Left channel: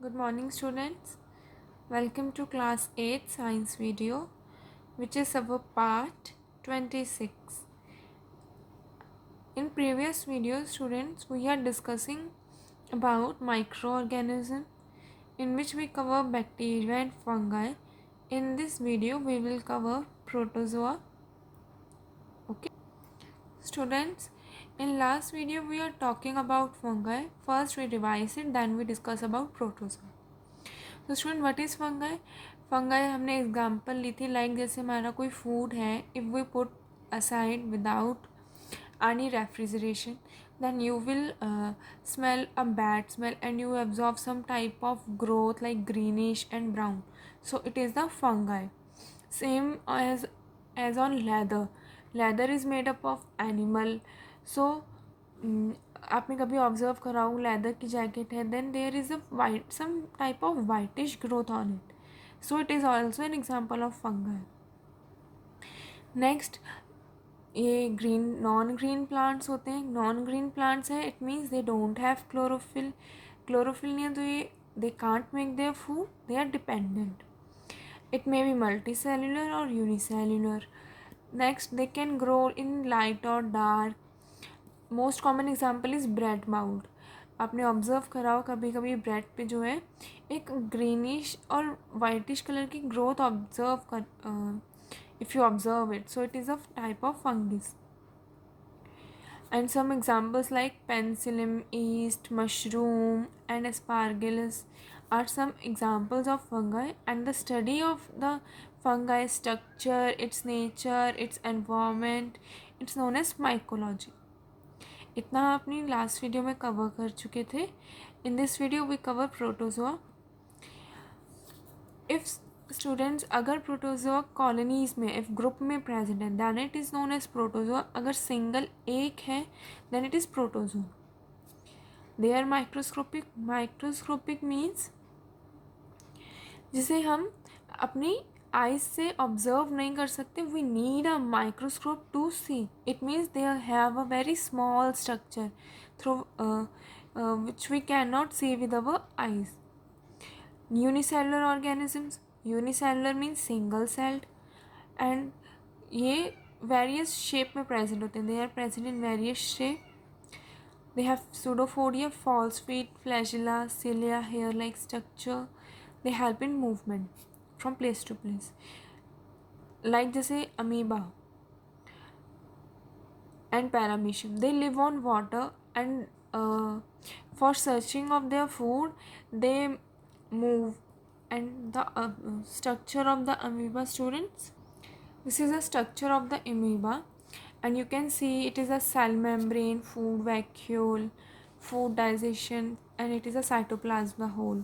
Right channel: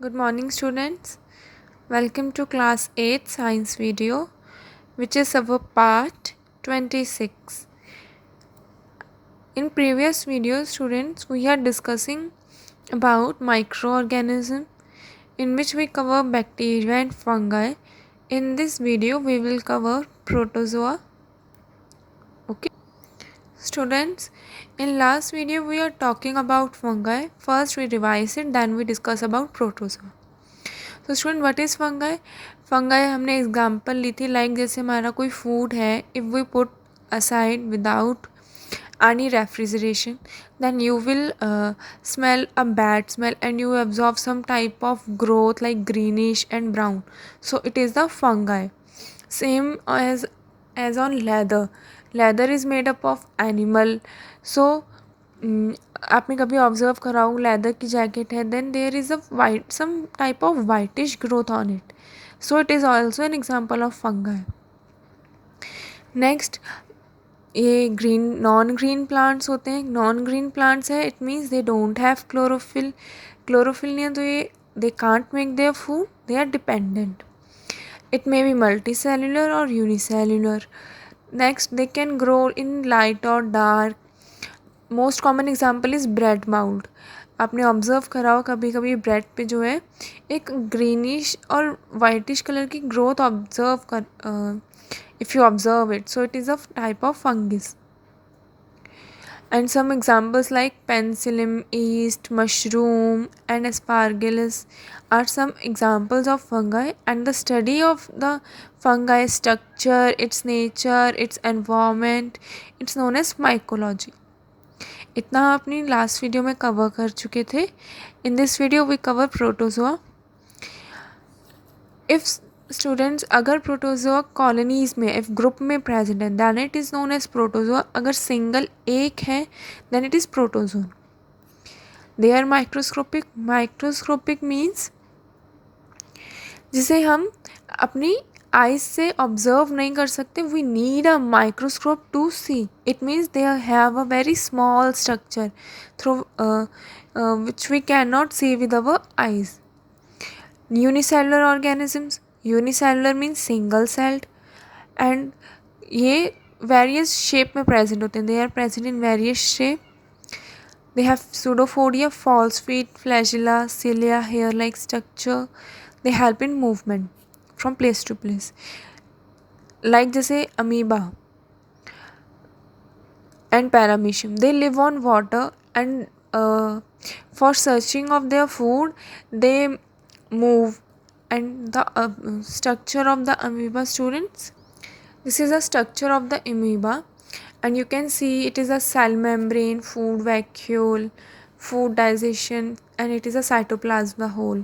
Good morning, students. Welcome to class 8 science video, which is our part 26. In previous videos, students, we are discussing about microorganism in which we cover bacteria and fungi. In this video, we will cover protozoa. Okay. Students, in last video we are talking about fungi. First we revise it, then we discuss about protozoa. तो student what is fungi? Fungi हमने example ली थी like जैसे हमारा कोई food है, if we put aside without any refrigeration, then you will smell a bad smell and you absorb some type of growth like greenish and brown, so it is the fungi. Same as on leather is made up of animal, so आपने कभी ऑब्जर्व करा हो लेदर की jacket है, then there is a white some type of whitish growth on it, so it is also an example of fungi. Next, ये non green plants होते हैं. Non green plants है, it means they don't have chlorophyll. Chlorophyll नहीं है तो ये they can't make their food, they are dependent. It may be multicellular और unicellular. Next, they can grow in light और dark. Most common example is bread mould. आपने observe करा हो कभी कभी ब्रेड पे जो है एक ग्रीनिश और वाइटिश कलर की ग्रोथ ऑब्जर्व कर, if you observe it, so it is a type of fungus. And some examples like penicillium, yeast, mushroom and aspergillus are some examples of fungi, and the study of the fungi structure, its nature, its environment, it's known as mycology. इतना हम अपनी last video में कवर कर चुके थे. In this video we cover protozoa. If students, अगर protozoa colonies में if group में प्रेजेंट है then it is known as protozoa. अगर सिंगल एक है then it is protozoan. They are microscopic. Microscopic means जिसे हम अपनी आइज से ऑब्जर्व नहीं कर सकते. We need a microscope to see. It means they have a very small structure through which we can not see with our eyes. Unicellular organisms. Unicellular means single celled, and ये various shape में present होते हैं. They are present in various shape. They have pseudopodia, false feet, flagella, cilia, hair-like structure. They help in movement from place to place. Like जैसे amoeba and paramecium, they live on water, and for searching of their food they move. And the structure of the amoeba, students, this is a structure of the amoeba, and you can see it is a cell membrane, food vacuole, food digestion, and it is a cytoplasma whole.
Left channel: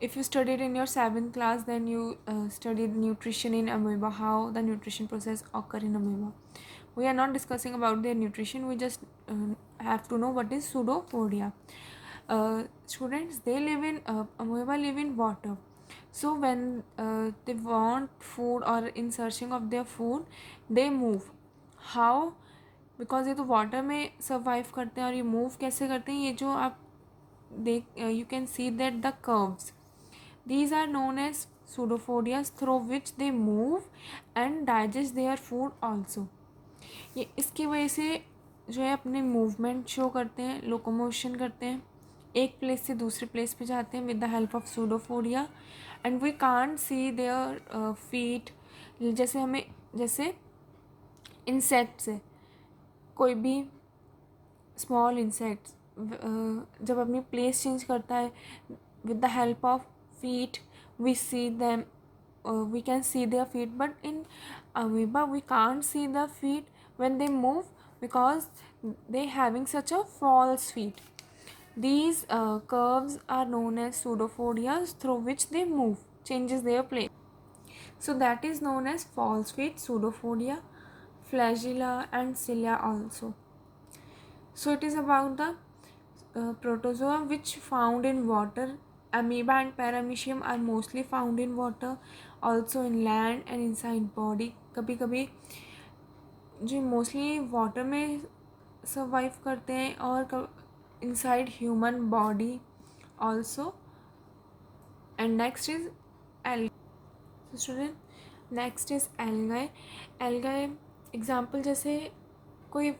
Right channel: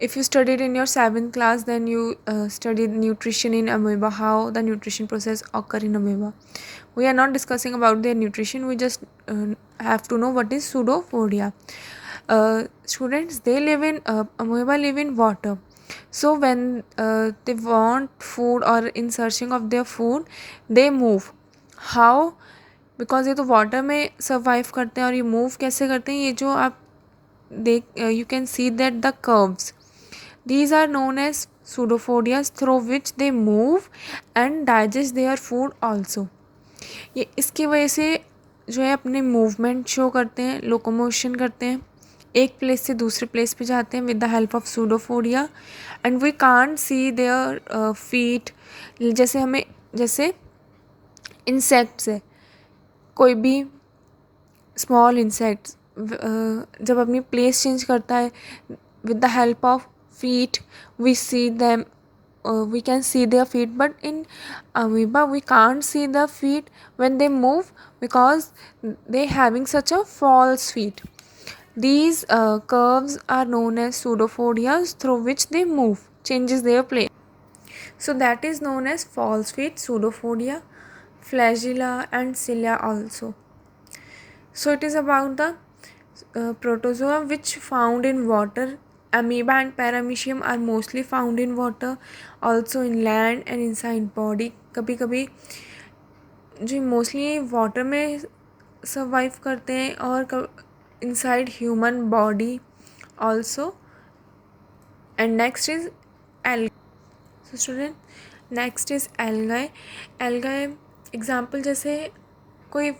If you studied in your 7th class, then you studied nutrition in amoeba, how the nutrition process occur in amoeba. We are not discussing about their nutrition, we just have to know what is pseudopodia. Students, they live in amoeba live in water, so when they want food or in searching of their food, they move. how? Because ये तो वाटर में सर्वाइव करते हैं, और ये मूव कैसे करते हैं, ये जो आप देख you can see that the curves, these are known as pseudopodias, through which they move and digest their food also. ये इसकी वजह से जो है अपने मूवमेंट शो करते हैं, लोकोमोशन करते हैं, एक प्लेस से दूसरे प्लेस पे जाते हैं with the help of pseudopodia. And we can't see their feet. जैसे हमें जैसे इंसेक्ट्स है, कोई भी स्मॉल इंसेक्ट्स जब अपनी प्लेस चेंज करता है with the help of feet, we see them, we can see their feet, but in amoeba we can't see the feet when they move because they having such a false feet. These curves are known as pseudopodias, through which they move, changes their place. So that is known as false feet, pseudopodia, flagella and cilia also. So it is about the protozoa which found in water. Amoeba and paramecium are mostly found in water, also in land and inside body. कभी कभी जो mostly water में सर्वाइव करते हैं और inside human body also. And next is algae. So student, next is algae. Algae example जैसे कोई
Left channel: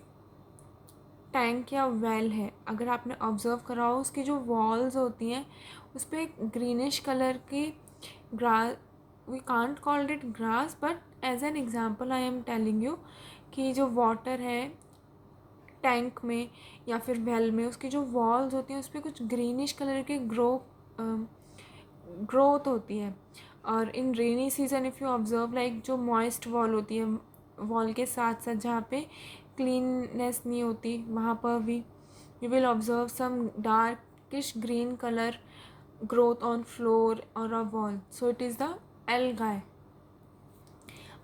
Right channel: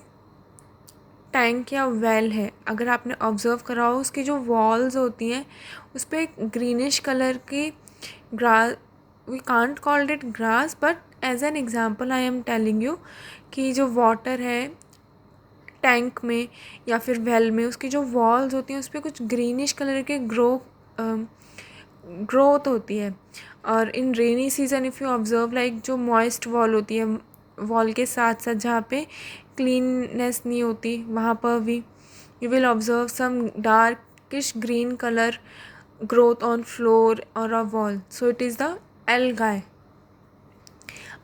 टैंक या वेल है, अगर आपने ऑब्जर्व करा हो उसकी जो वॉल्स होती हैं उस पर एक ग्रीनिश कलर की grass, we can't called it grass but as an example I am telling you कि जो वाटर है टैंक में या फिर वेल में उसकी जो वॉल्स होती हैं उस पर कुछ ग्रीनिश कलर के ग्रोथ होती है. और in rainy season if you observe like जो मॉइस्ट वॉल होती है, वॉल के साथ साथ जहाँ पे क्लीननेस नहीं होती वहाँ पर भी you will observe some darkish green colour growth on floor और a wall. So it is the algae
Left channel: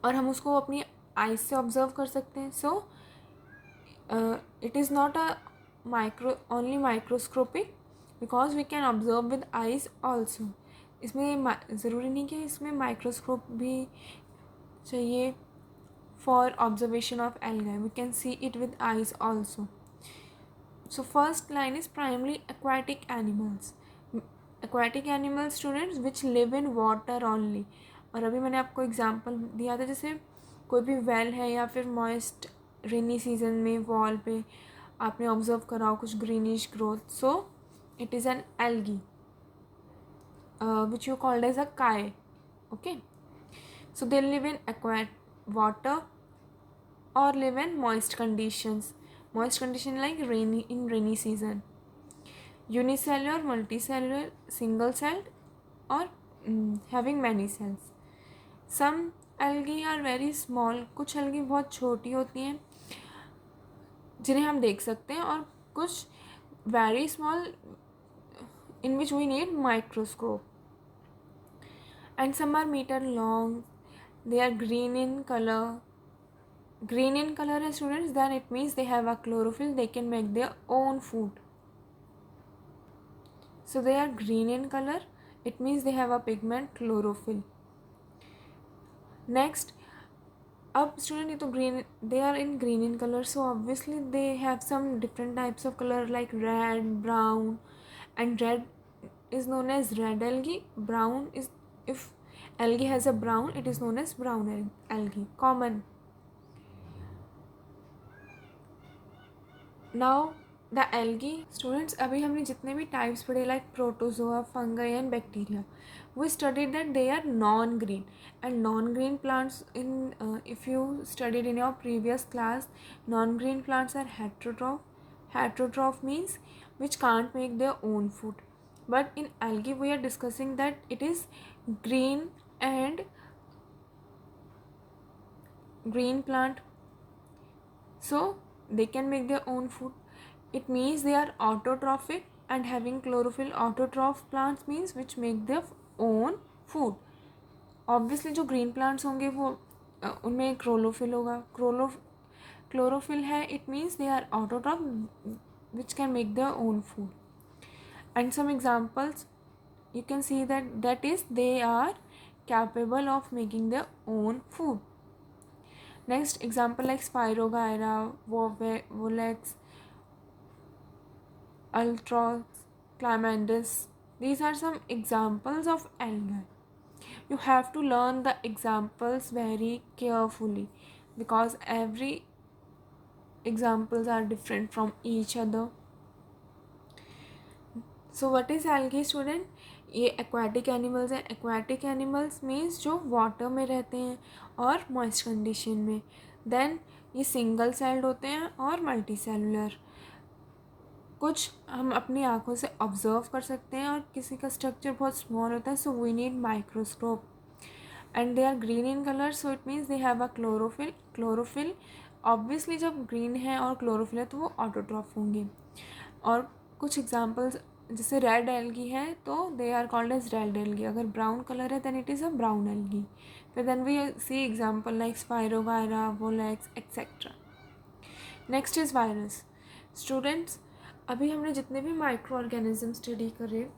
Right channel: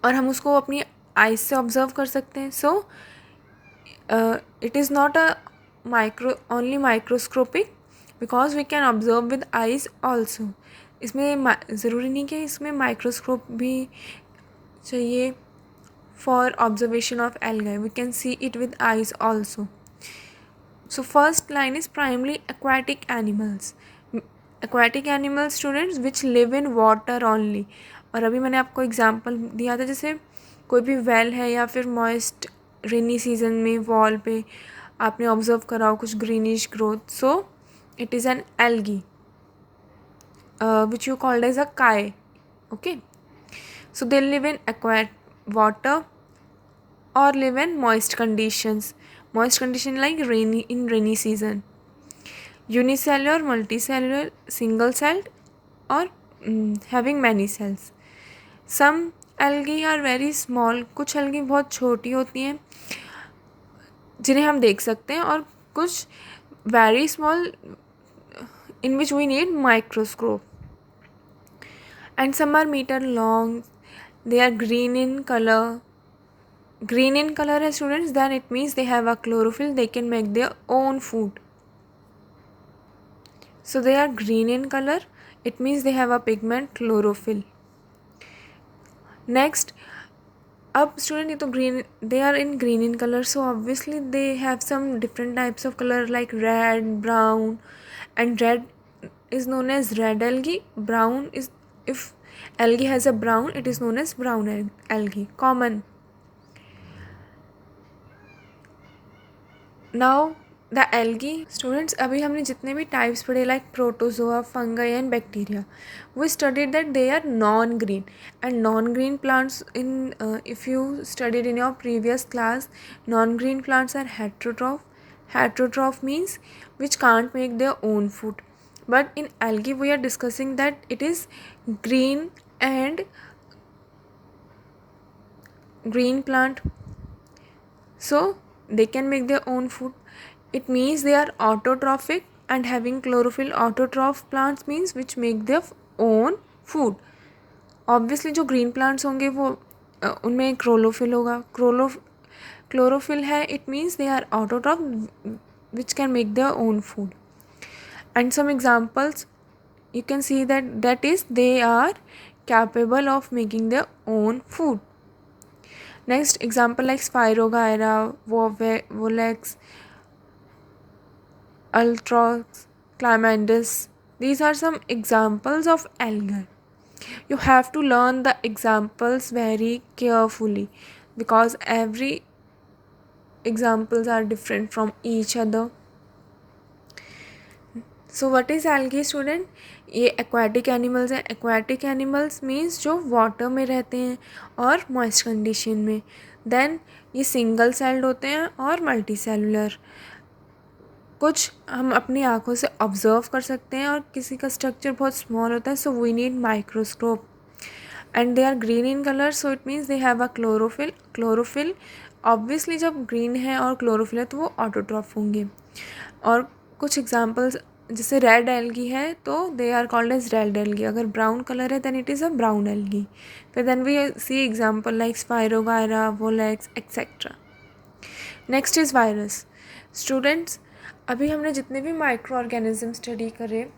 और हम उसको अपनी आइज से ऑब्जर्व कर सकते हैं. सो it is not a only microscopic because we can observe with eyes also. इसमें ज़रूरी नहीं कि इसमें माइक्रोस्कोप भी चाहिए for observation of algae. We can see it with eyes also. So first line is primarily aquatic animals. Aquatic animals students which live in water only. और अभी मैंने आपको एग्जांपल दिया था जैसे कोई भी वेल है या फिर मॉइस्ट रेनी सीजन में वॉल पे आपने ऑब्जर्व करा हो कुछ greenish growth. So it is an algae which you called as a काय. Okay, so they live in aquatic water or live in moist conditions. Moist condition like rainy season. Unicellular, multicellular, single celled or having many cells. Some algae are very small. कुछ algae बहुत छोटी होती हैं जिन्हें हम देख सकते हैं और कुछ very small in which we need microscope. And some are meter long. They are green in color. Green in color है students, then it means they have a chlorophyll, they can make their own food. So they are green in color, it means they have a pigment chlorophyll. Next, अब student ये तो green, they are in green in color, so obviously they have some different types of color like red, brown, and red is known as red algae. Brown is, if algae has a brown, it is known as brown algae, common. Now the algae students, अभी हमने जितने भी types पढ़े like protozoa, fungi and bacteria, we studied that they are non green and non green plants in if you studied in your previous class, non green plants are heterotroph. Heterotroph means which can't make their own food, but in algae we are discussing that it is green and green plant, so they can make their own food. It means they are autotrophic and having chlorophyll. Autotroph plants means which make their own food. Obviously जो green plants होंगे वो उनमें chlorophyll होगा. Chlorophyll है, it means they are autotroph which can make their own food. And some examples you can see that is they are capable of making their own food. Next example like Spirogyra, Volex, Ultrox, Climandus. These are some examples of algae. You have to learn the examples very carefully because every examples are different from each other. So what is algae student? ये aquatic animals हैं. Aquatic animals means जो water में रहते हैं और moist condition में. Then ये single celled होते हैं और multicellular. कुछ हम अपनी आँखों से ऑब्जर्व कर सकते हैं और किसी का स्ट्रक्चर बहुत स्मॉल होता है, so we need microscope. And they are green in colour, so it means they have a chlorophyll. Chlorophyll obviously जब ग्रीन है और क्लोरोफिल है तो वो ऑटोट्रॉफ होंगे. और कुछ एग्जांपल्स जैसे रेड एल्गी है तो they are called as red algae. अगर ब्राउन कलर है then it is a brown algae. फिर then we see example like spirogyra, volvox etcetera. Next is virus. Students, अभी हमने जितने भी माइक्रो ऑर्गेनिज्म स्टडी करे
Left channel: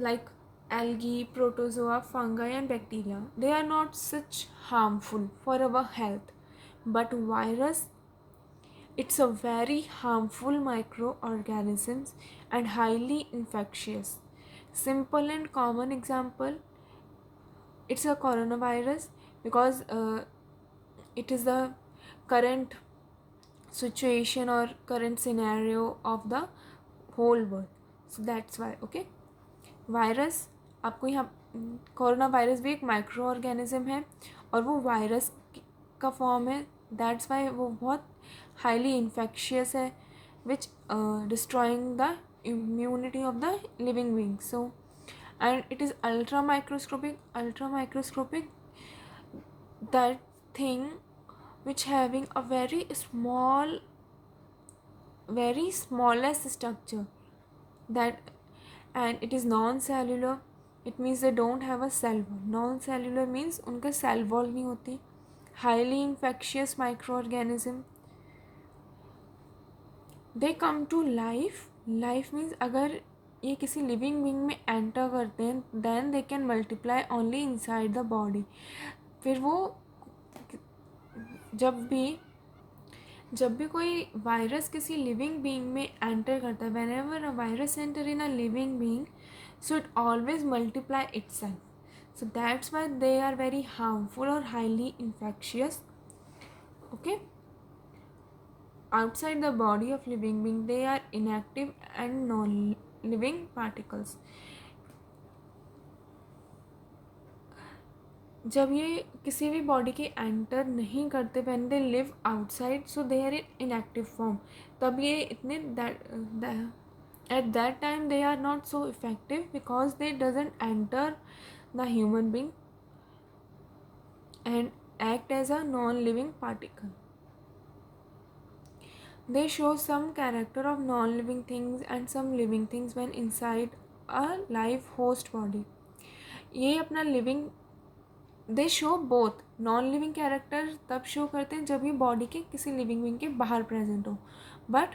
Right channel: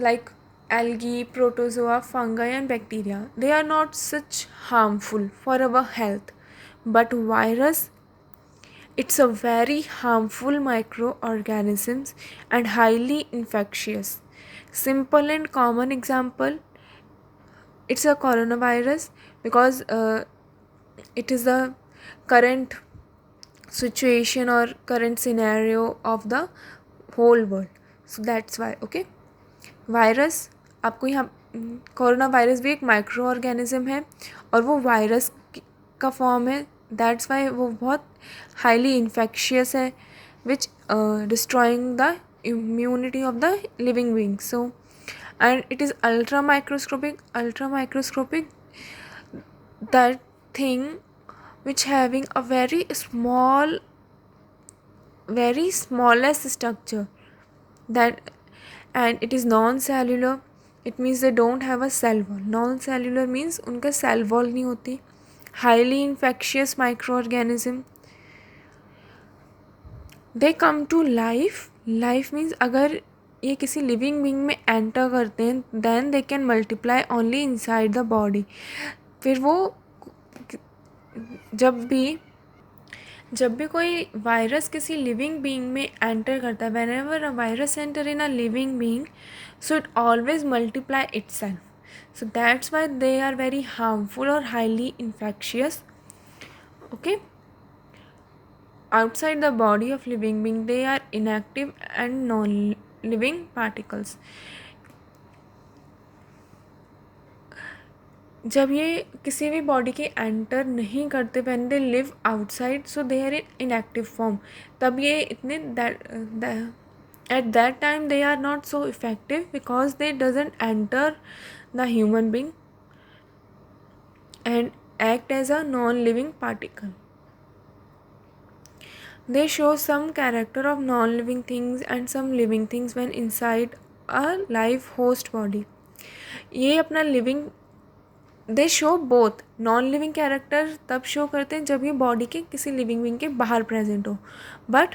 like algae, protozoa, fungi and bacteria, they are not such harmful for our health, but virus, it's a very harmful microorganisms and highly infectious. Simple and common example, it's a coronavirus, because it is the current situation or current scenario of the whole world. So that's why. Okay, virus, आपको यहाँ corona virus भी एक micro organism है और वो वायरस का फॉर्म है. That's why वो बहुत हाईली इन्फेक्शियस है, which destroying the immunity of the living being. So, and it is ultra microscopic, that thing which having a very smallest structure, that, and it is non-cellular. It means they don't have a cell wall. Non-cellular means उनका cell wall नहीं होती. Highly infectious microorganism. They come to life. Life means अगर ये किसी living being में enter करते हैं, then they can multiply only inside the body. फिर वो जब भी कोई वायरस किसी लिविंग बीइंग में एंटर करता है, whenever a virus enter in a living being, so it always multiply itself. So that's why they are very harmful और highly infectious. Okay, outside the body of living being they are inactive and non-living particles. जब ये किसी भी बॉडी के enter नहीं करते, when they live outside, so they are in inactive form. तब ये इतने at that time they are not so effective, because they doesn't enter the human being and act as a non-living particle. They show some character of non-living things and some living things when inside a live host body. ये अपना लिविंग, दे show both. Non living character तब शो करते हैं जब ये बॉडी के किसी living being के बाहर प्रेजेंट हो, but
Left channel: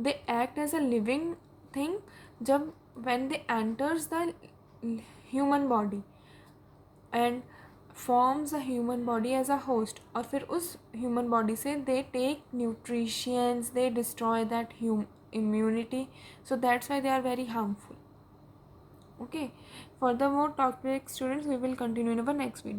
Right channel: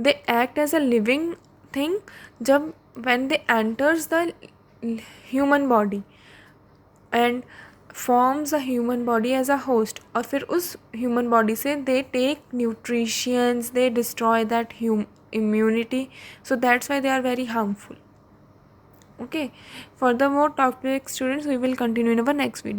they act as a living thing जब when they enters the human body and forms a human body as a host. और फिर उस ह्यूमन बॉडी से they take nutritions, they destroy that immunity. So that's why they are very harmful. Okay, furthermore, talk to students, we will continue in our next video.